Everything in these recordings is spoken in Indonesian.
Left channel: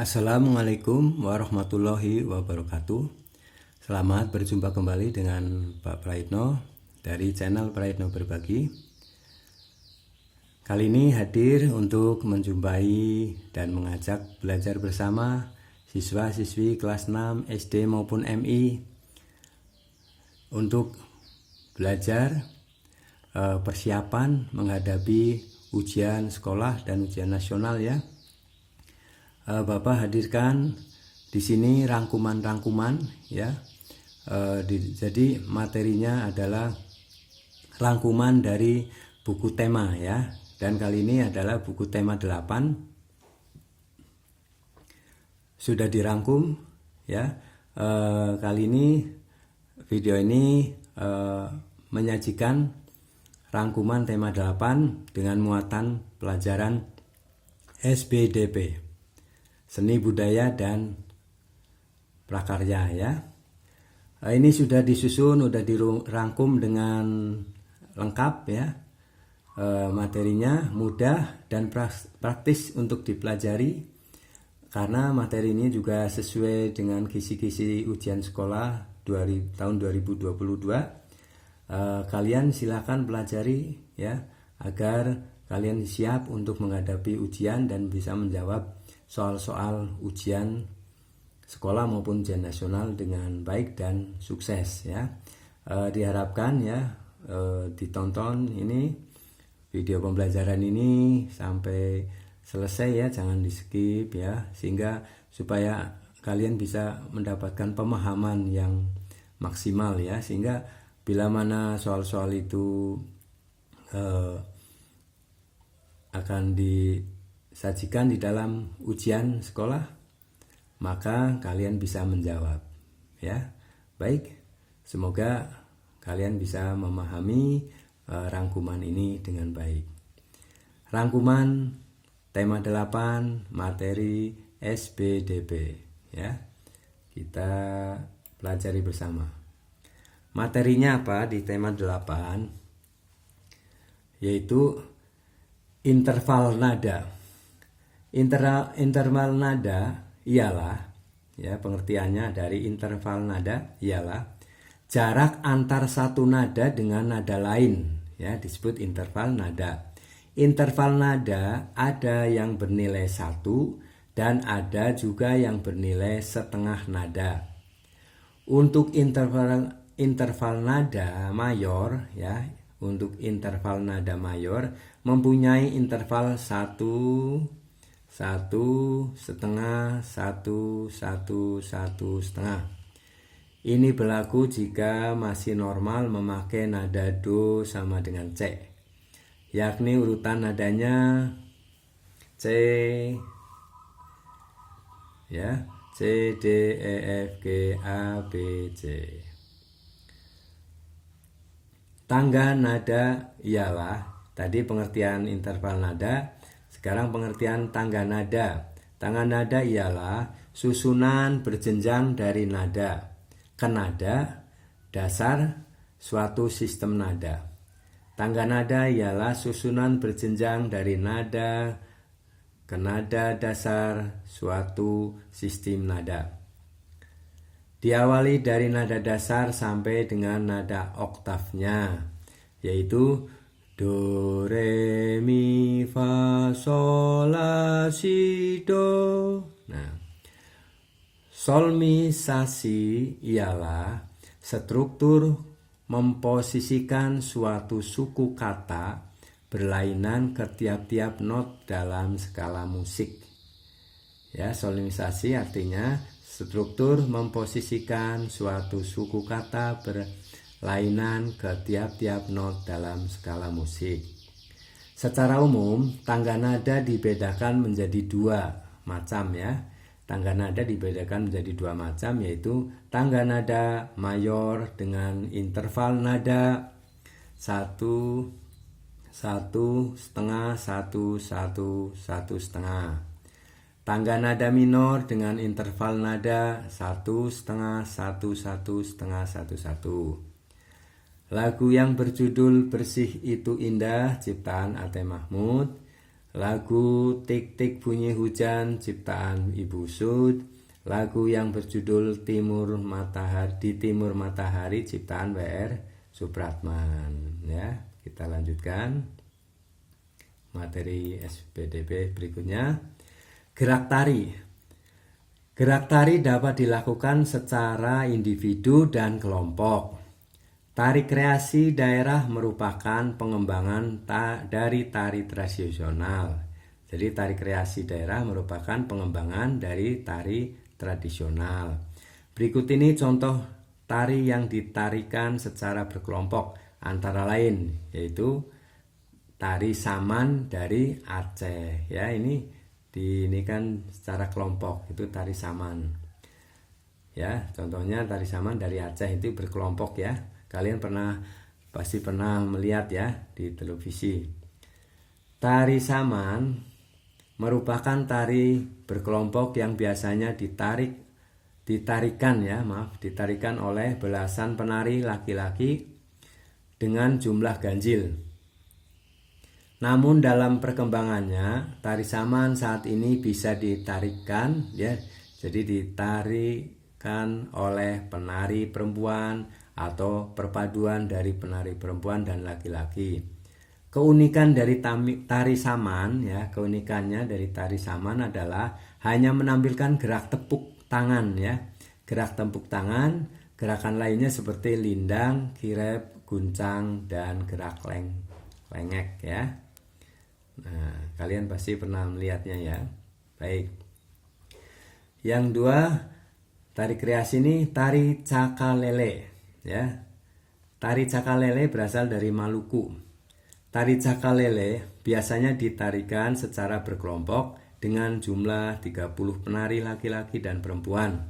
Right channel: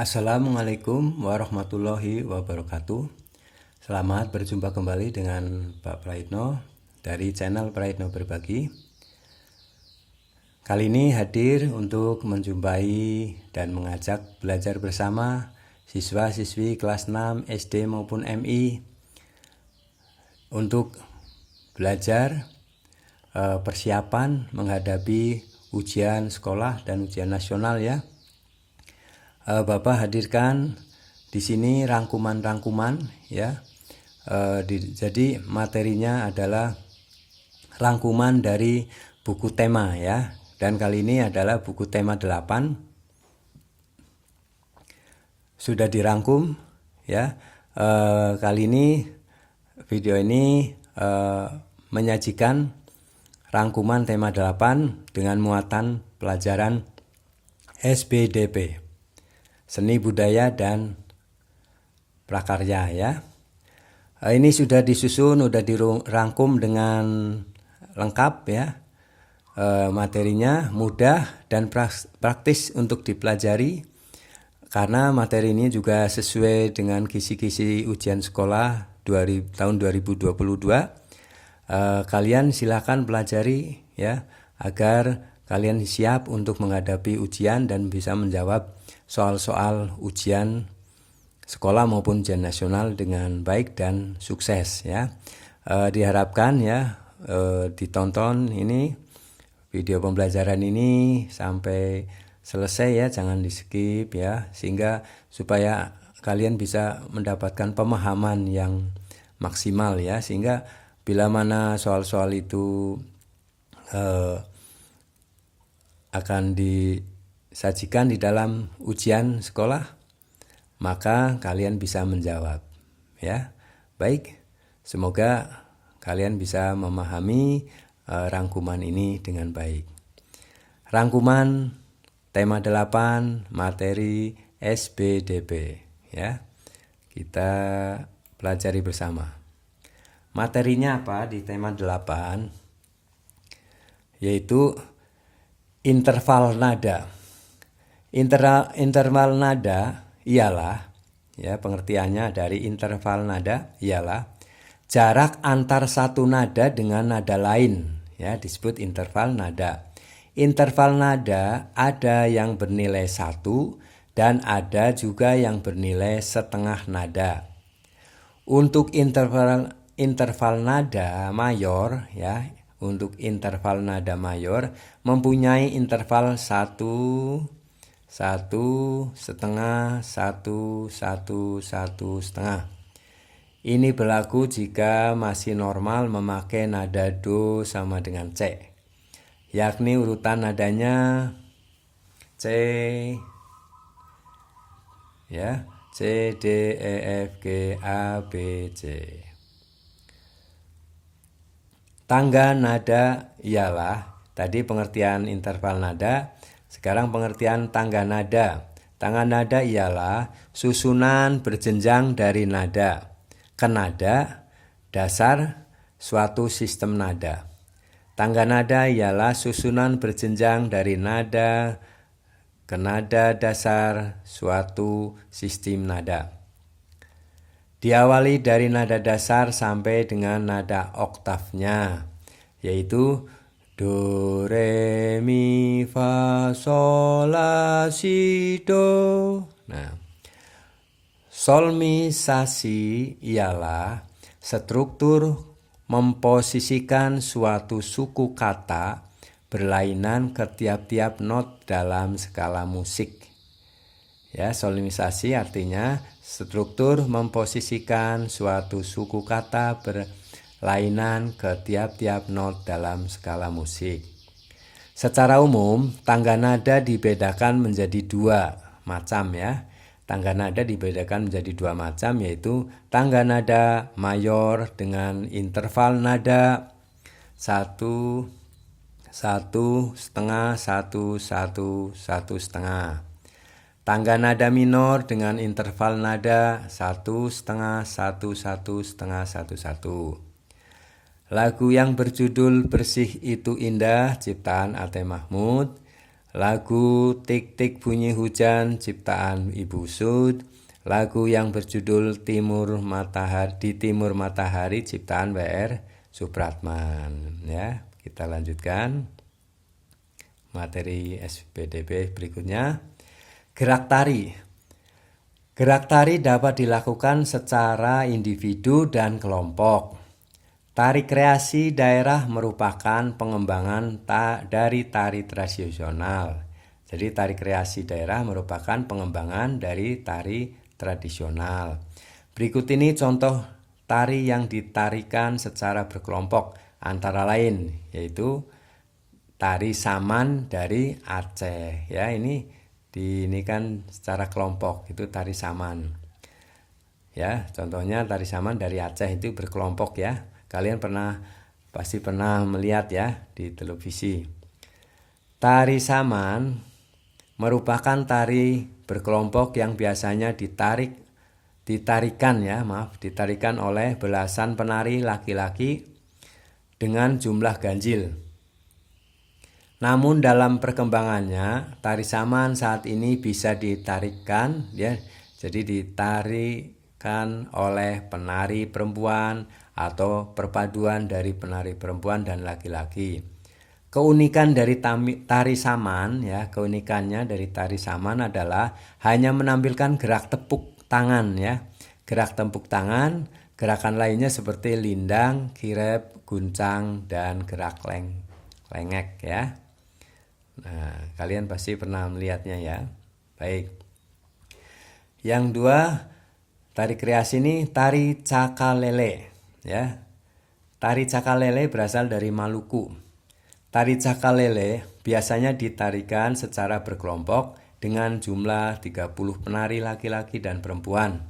Assalamualaikum warahmatullahi wabarakatuh. Selamat berjumpa kembali dengan Pak Praitno dari channel Praitno Berbagi. Kali ini hadir untuk menjumpai dan mengajak belajar bersama siswa-siswi kelas 6 SD maupun MI untuk belajar persiapan menghadapi ujian sekolah dan ujian nasional ya. Bapak hadirkan di sini rangkuman-rangkuman ya. Jadi materinya adalah rangkuman dari buku tema ya. Dan kali ini adalah buku tema 8. Sudah dirangkum ya. Kali ini video ini menyajikan rangkuman tema 8 dengan muatan pelajaran SBDP, Seni Budaya dan Prakarya ya. Ini sudah disusun, sudah dirangkum dengan lengkap ya. Materinya mudah dan praktis untuk dipelajari karena materi ini juga sesuai dengan kisi-kisi ujian sekolah tahun 2022. Kalian silakan pelajari ya agar kalian siap untuk menghadapi ujian dan bisa menjawab soal-soal ujian sekolah maupun ujian nasional dengan baik dan sukses ya. Diharapkan ya ditonton ini video pembelajaran ini sampai selesai ya, jangan di skip ya, sehingga supaya kalian bisa mendapatkan pemahaman yang maksimal ya, sehingga bila mana soal-soal itu akan disajikan di dalam ujian sekolah, maka kalian bisa menjawab ya. Baik, semoga kalian bisa memahami rangkuman ini dengan baik. Rangkuman tema 8 materi SBDP ya. Kita pelajari bersama. Materinya apa di tema 8? Yaitu interval nada. Interval nada ialah ya, pengertiannya dari interval nada ialah jarak antar satu nada dengan nada lain ya, disebut interval nada. Interval nada ada yang bernilai 1 dan ada juga yang bernilai setengah nada. Untuk interval nada mayor ya, untuk interval nada mayor mempunyai interval 1, 1, setengah, 1, 1, 1, setengah. Ini berlaku jika masih normal memakai nada do sama dengan C, yakni urutan nadanya C ya, C, D, E, F, G, A, B, C. Tangga nada ialah tadi pengertian interval nada, sekarang pengertian tangga nada. Tangga nada ialah susunan berjenjang dari nada ke nada dasar suatu sistem nada. Tangga nada ialah susunan berjenjang dari nada ke nada dasar suatu sistem nada. Diawali dari nada dasar sampai dengan nada oktavnya, yaitu do, re, mi, fa, sol, la, si, do. Nah, solmisasi ialah struktur memposisikan suatu suku kata berlainan ke tiap-tiap not dalam skala musik. Ya, solmisasi artinya struktur memposisikan suatu suku kata berlainan ke tiap-tiap not dalam skala musik. Secara umum, tangga nada dibedakan menjadi 2 macam ya. Tangga nada dibedakan menjadi 2 macam, yaitu tangga nada mayor dengan interval nada 1, 1, setengah, 1, 1, 1, setengah. Tangga nada minor dengan interval nada 1, setengah, 1, 1, setengah, 1, 1. Lagu yang berjudul Bersih Itu Indah ciptaan Ate Mahmud lagu Tik Tik Bunyi Hujan ciptaan Ibu Sud, lagu yang berjudul Di Timur Matahari ciptaan W.R. Supratman. Ya, kita lanjutkan materi SPDP berikutnya. Gerak tari. Gerak tari dapat dilakukan secara individu dan kelompok. Tari kreasi daerah merupakan pengembangan dari tari tradisional. Jadi tari kreasi daerah merupakan pengembangan dari tari tradisional. Berikut ini contoh tari yang ditarikan secara berkelompok, antara lain yaitu tari saman dari Aceh. Ya, ini kan secara kelompok, itu tari saman. Ya, contohnya tari saman dari Aceh itu berkelompok ya. Kalian pasti pernah melihat ya di televisi. Tari saman merupakan tari berkelompok yang biasanya ditarikan oleh belasan penari laki-laki dengan jumlah ganjil. Namun dalam perkembangannya, tari saman saat ini bisa ditarikan ya. Jadi ditarikan oleh penari perempuan atau perpaduan dari penari perempuan dan laki-laki. Keunikan dari tari saman ya, keunikannya dari tari saman adalah hanya menampilkan gerak tepuk tangan ya. Gerak tepuk tangan, gerakan lainnya seperti lindang, kirep, guncang, dan gerak lengek ya. Nah, kalian pasti pernah melihatnya ya. Baik. Yang dua, tari kreasi ini tari cakalele. Ya, tari cakalele berasal dari Maluku. Tari cakalele biasanya ditarikan secara berkelompok dengan jumlah 30 penari laki-laki dan perempuan.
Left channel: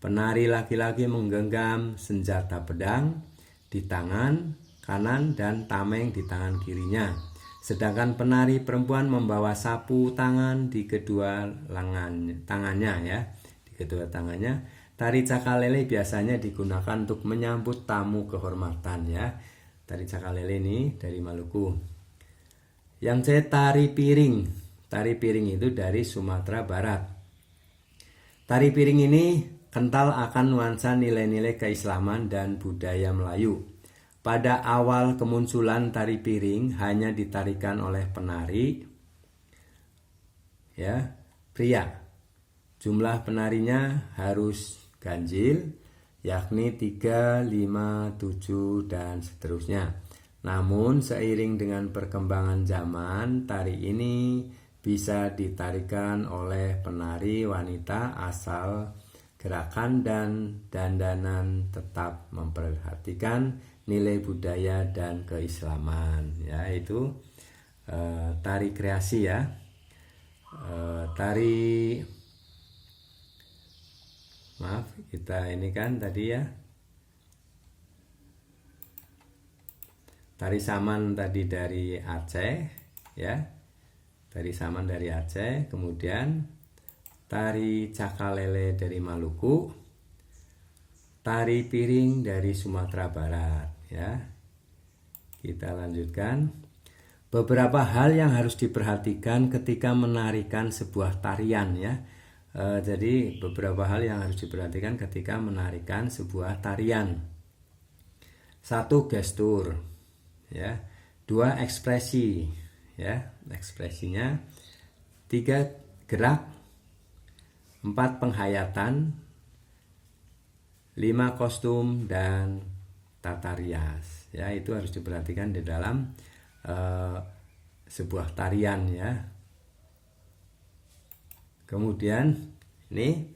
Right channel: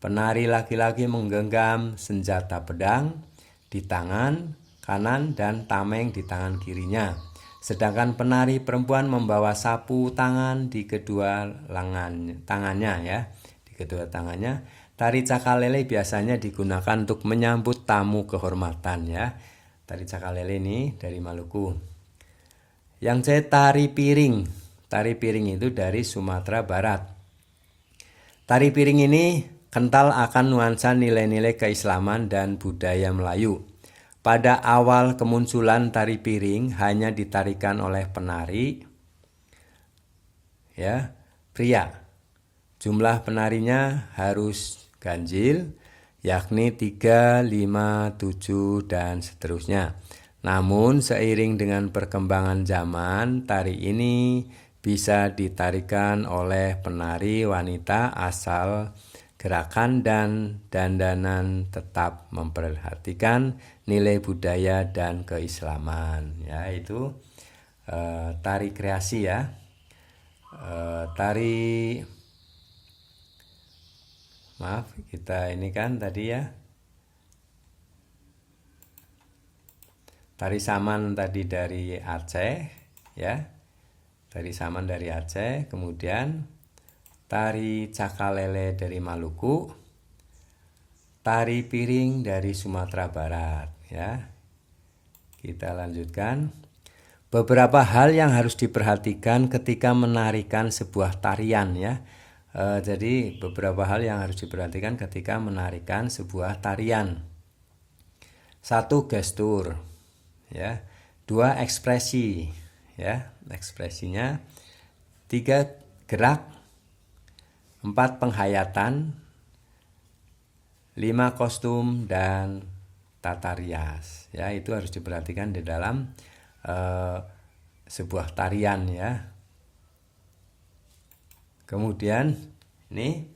Penari laki-laki menggenggam senjata pedang di tangan kanan dan tameng di tangan kirinya. Sedangkan penari perempuan membawa sapu tangan di kedua tangannya ya, di kedua tangannya. Tari cakalele biasanya digunakan untuk menyambut tamu kehormatan ya. Tari cakalele ini dari Maluku. Yang C, tari piring. Tari piring itu dari Sumatera Barat. Tari piring ini kental akan nuansa nilai-nilai keislaman dan budaya Melayu. Pada awal kemunculan tari piring hanya ditarikan oleh penari ya, pria. Jumlah penarinya harus ganjil, yakni 3, 5, 7, dan seterusnya. Namun seiring dengan perkembangan zaman, tari ini bisa ditarikan oleh penari wanita asal gerakan dan dandanan tetap memperhatikan nilai budaya dan keislaman. Ya, itu tari kreasi ya. Kita ini kan tadi ya, tari saman tadi dari Aceh ya, tari saman dari Aceh. Kemudian tari cakalele dari Maluku, tari piring dari Sumatera Barat ya. Kita lanjutkan. Beberapa hal yang harus diperhatikan ketika menarikan sebuah tarian ya. Jadi beberapa hal yang harus diperhatikan ketika menarikan sebuah tarian. 1, gestur ya. 2, ekspresi ya, ekspresinya. 3, gerak. 4, penghayatan. 5, kostum dan tata rias ya. Itu harus diperhatikan di dalam sebuah tarian ya. Kemudian nih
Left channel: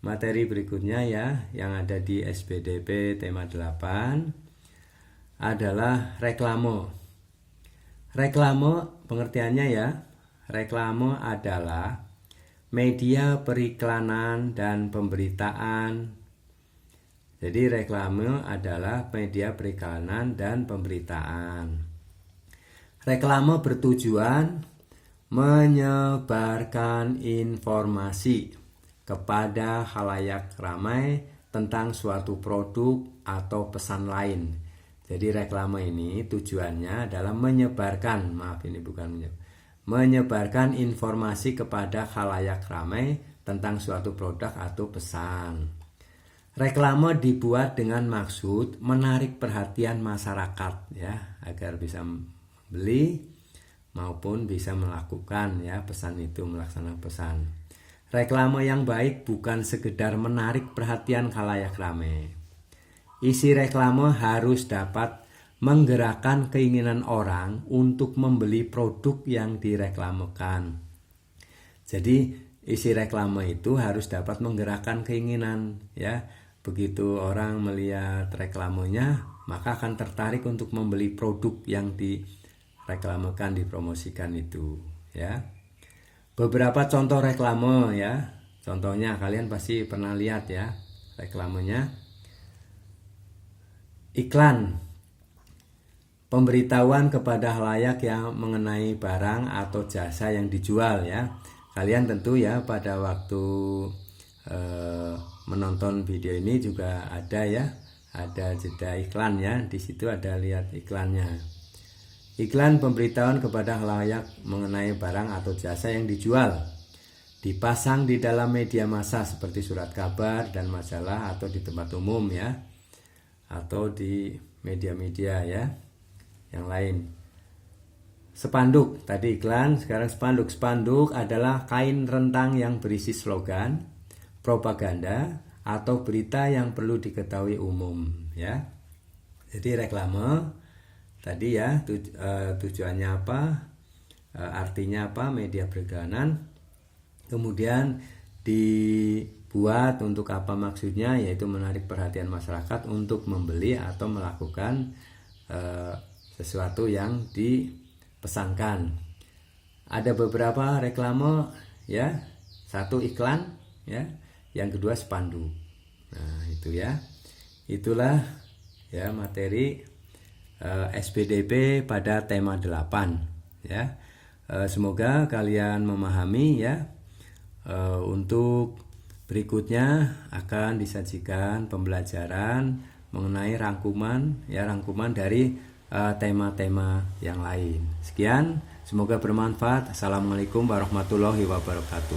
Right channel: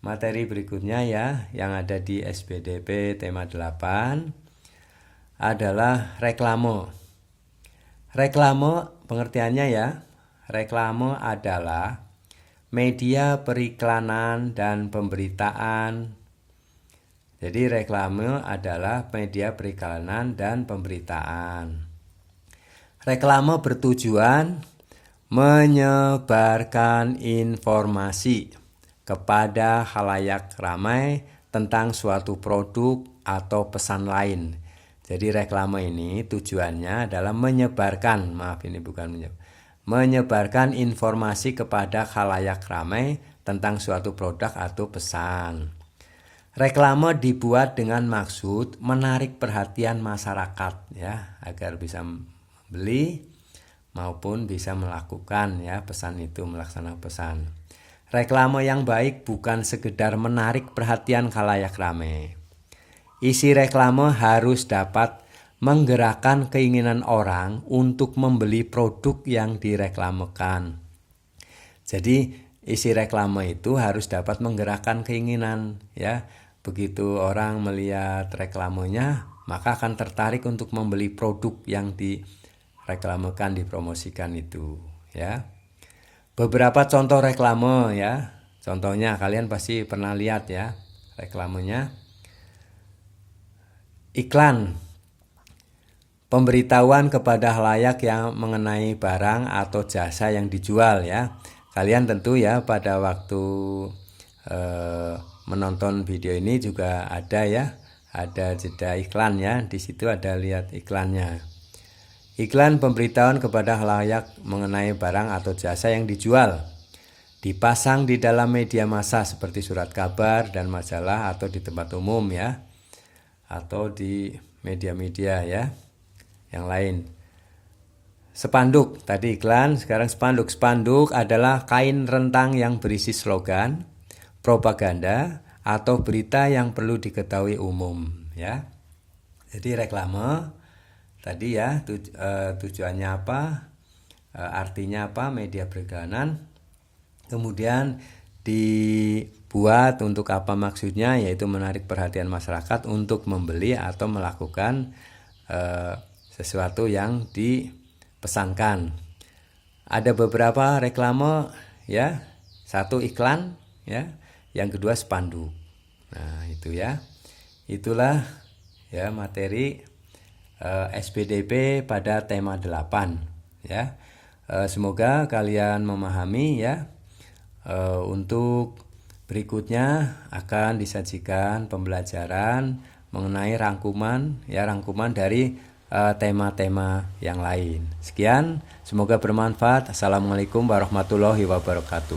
materi berikutnya ya, yang ada di SPDP tema 8 adalah reklame. Reklame pengertiannya ya, reklame adalah media periklanan dan pemberitaan. Jadi reklame adalah media periklanan dan pemberitaan. Reklame bertujuan menyebarkan informasi kepada khalayak ramai tentang suatu produk atau pesan lain. Jadi reklame ini tujuannya adalah menyebarkan, menyebarkan informasi kepada khalayak ramai tentang suatu produk atau pesan. Reklame dibuat dengan maksud menarik perhatian masyarakat ya, agar bisa beli maupun bisa melakukan ya pesan itu, melaksanakan pesan. Reklame yang baik bukan sekedar menarik perhatian khalayak ramai. Isi reklame harus dapat menggerakkan keinginan orang untuk membeli produk yang direklamekan. Jadi isi reklame itu harus dapat menggerakkan keinginan ya. Begitu orang melihat reklamenya, maka akan tertarik untuk membeli produk yang direklamekan, dipromosikan itu ya. Beberapa contoh reklame ya. Contohnya kalian pasti pernah lihat ya reklamenya. Iklan, pemberitahuan kepada khalayak yang mengenai barang atau jasa yang dijual ya. Kalian tentu ya pada waktu menonton video ini juga ada ya, ada jeda iklan ya. Di situ ada lihat iklannya. Iklan pemberitahuan kepada khalayak mengenai barang atau jasa yang dijual. Dipasang di dalam media massa seperti surat kabar dan majalah atau di tempat umum ya. Atau di media-media ya yang lain. Spanduk, tadi iklan, sekarang spanduk. Spanduk adalah kain rentang yang berisi slogan, propaganda atau berita yang perlu diketahui umum ya. Jadi reklame tadi ya tujuannya apa, artinya apa, media perikanan, kemudian dibuat untuk apa maksudnya, yaitu menarik perhatian masyarakat untuk membeli atau melakukan sesuatu yang dipesankan. Ada beberapa reklame ya, satu iklan ya, yang kedua spanduk. Nah itu ya, itulah ya materi SPDP pada tema 8 ya. Semoga kalian memahami ya. Untuk berikutnya akan disajikan pembelajaran mengenai rangkuman dari tema-tema yang lain. Sekian, semoga bermanfaat. Assalamualaikum warahmatullahi wabarakatuh.